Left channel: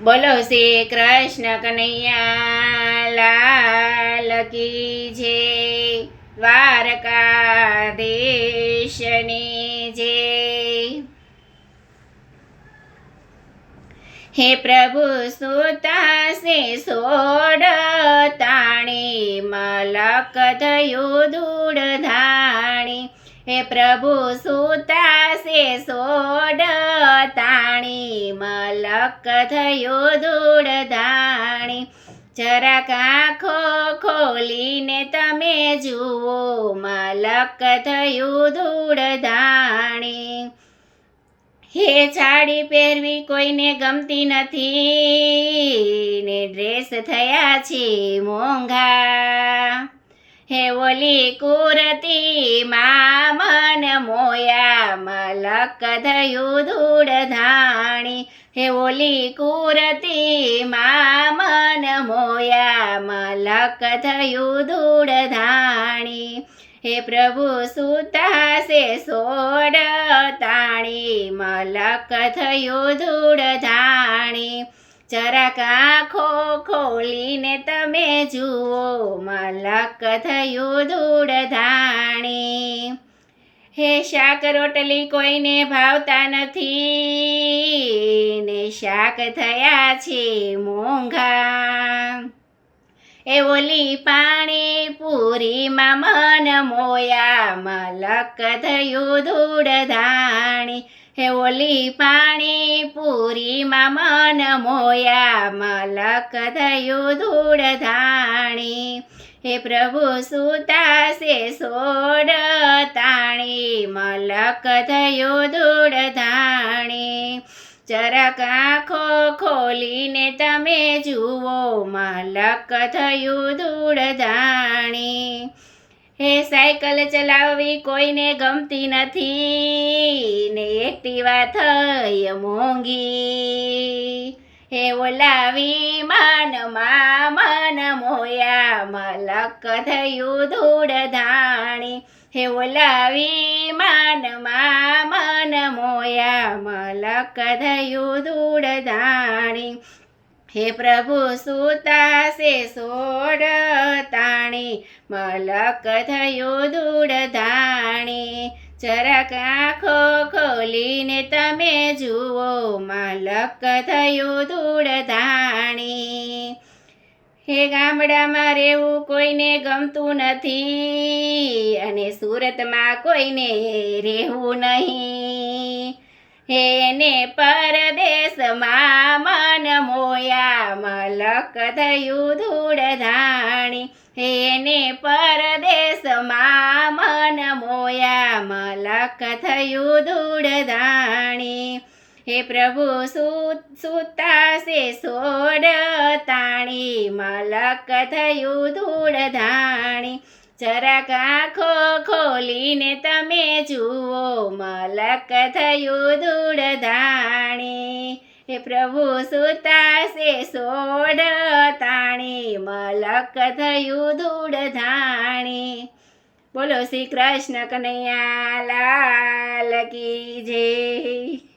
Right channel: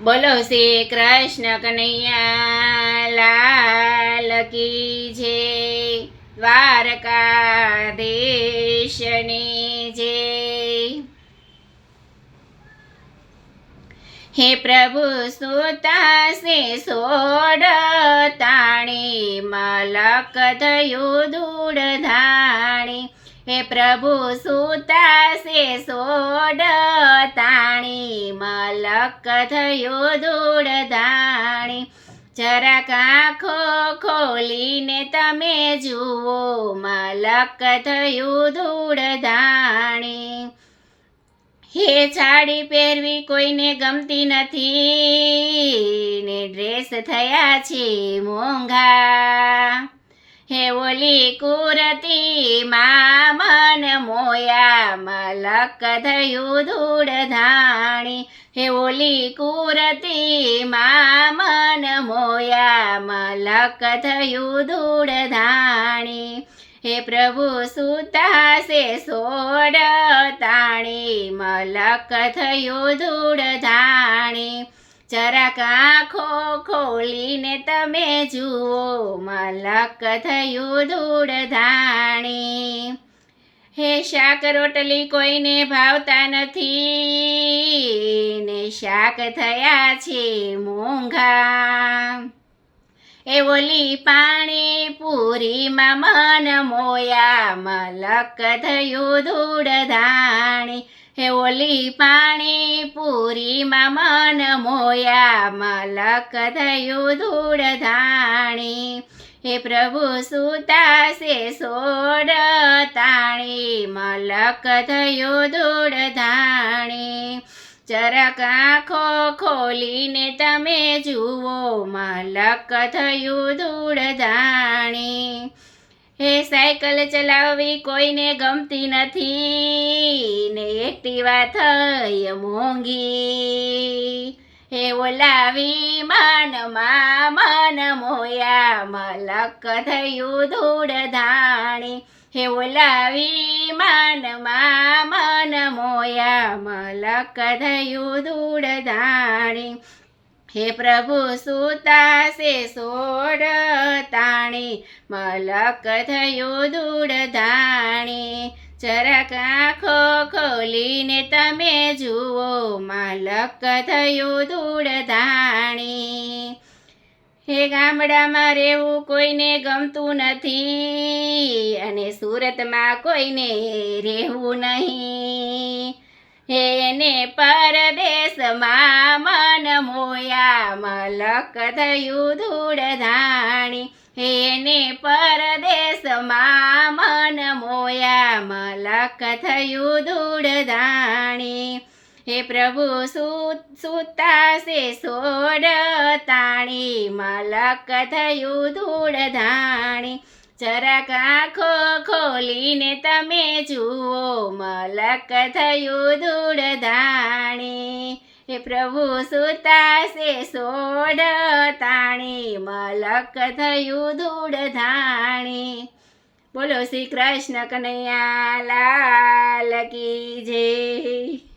બોલો શ્રી કૃષ્ણ કનૈયા, લાલ કી દ્વારકા દ્વારકાધીશની જે હે પ્રભુ સુતાસે સોડ તાણી, મલક થયું ધૂળ ધાણી. હે પ્રભુ સુતાસે સોડ તાણી મલક થયું ધૂળ ધાણી જરાક આંખો ખોલીને તમે જુઓ, માલક થયું ધૂળ ધાણી હે સાડી પહેરવી કોઈને ગમતી નથી. ને ડ્રેસ થયા છે મોંઘા. હે ઓલી કુરતી માં મન મોયા મલક થયું ધૂળ ધાણી. હે ઓલી કુરતી માં મન મોયા મલક થયું ધૂળ ધાણી. હે પ્રભુ સુતાસે સોડ તાણી. મલક થયું ધૂળ ધાણી. જરાક આંખો ખોલીને તમે જુઓ, મલક થયું ધૂળ ધાણી હે શાક રોટલી કોઈને ભાવતા નથી, ને શાક થયા છે મોંઘા. એ ઓલી પાણી પૂરીમાં મન મોયા, મલક થયું ધૂળ ધાણી હે ઓલી પાણી પૂરીમાં મન મોયા, મલક થયું ધૂળ ધાણી. હે પ્રભુ સુતાસે સોડ તાણી, મલક થયું ધૂળ ધાણી. જરાક આંખો ખોલીને તમે જુઓ, મલક થયું ધૂળ ધાણી. હે સાયકલ ચલાવવી કોઈને ગમતી નથી. ને એક્ટિવા થઈ મોંઘી. હે ઓલાવી માનમાં મન મોયા, મલક થયું ધૂળ ધાણી હે ઓલાવી માનમાં મન મોયા, મલક થયું ધૂળ ધાણી હે પ્રભુ સુતાસે સોડ તાણી, મલક થયું ધૂળ ધાણી. જરાક આંખો ખોલીને તમે જુઓ, મલક થયું ધૂળ ધાણી. હે ગામડામાં રહેવું કોઈને ગમતું નથી, અને સુરતમાં કોઈને રહેવું નહીં. હે એને પરદેશમાં મન મોયા મલક થયું ધૂળ ધાણી હે એને પરદેશમાં મન મોયા મલક થયું ધૂળ ધાણી હે પ્રભુ સુતાસે સોડ તાણી. મલક થયું ધૂળ ધાણી જરાક આંખો ખોલીને તમે જુઓ, મલક થયું ધૂળ ધાણી હે પ્રભુ સુતાસે સોડ તાણી, મલક થયું ધૂળ ધાણી બોલો શ્રી કૃષ્ણ કનૈયા લાલ કી જય.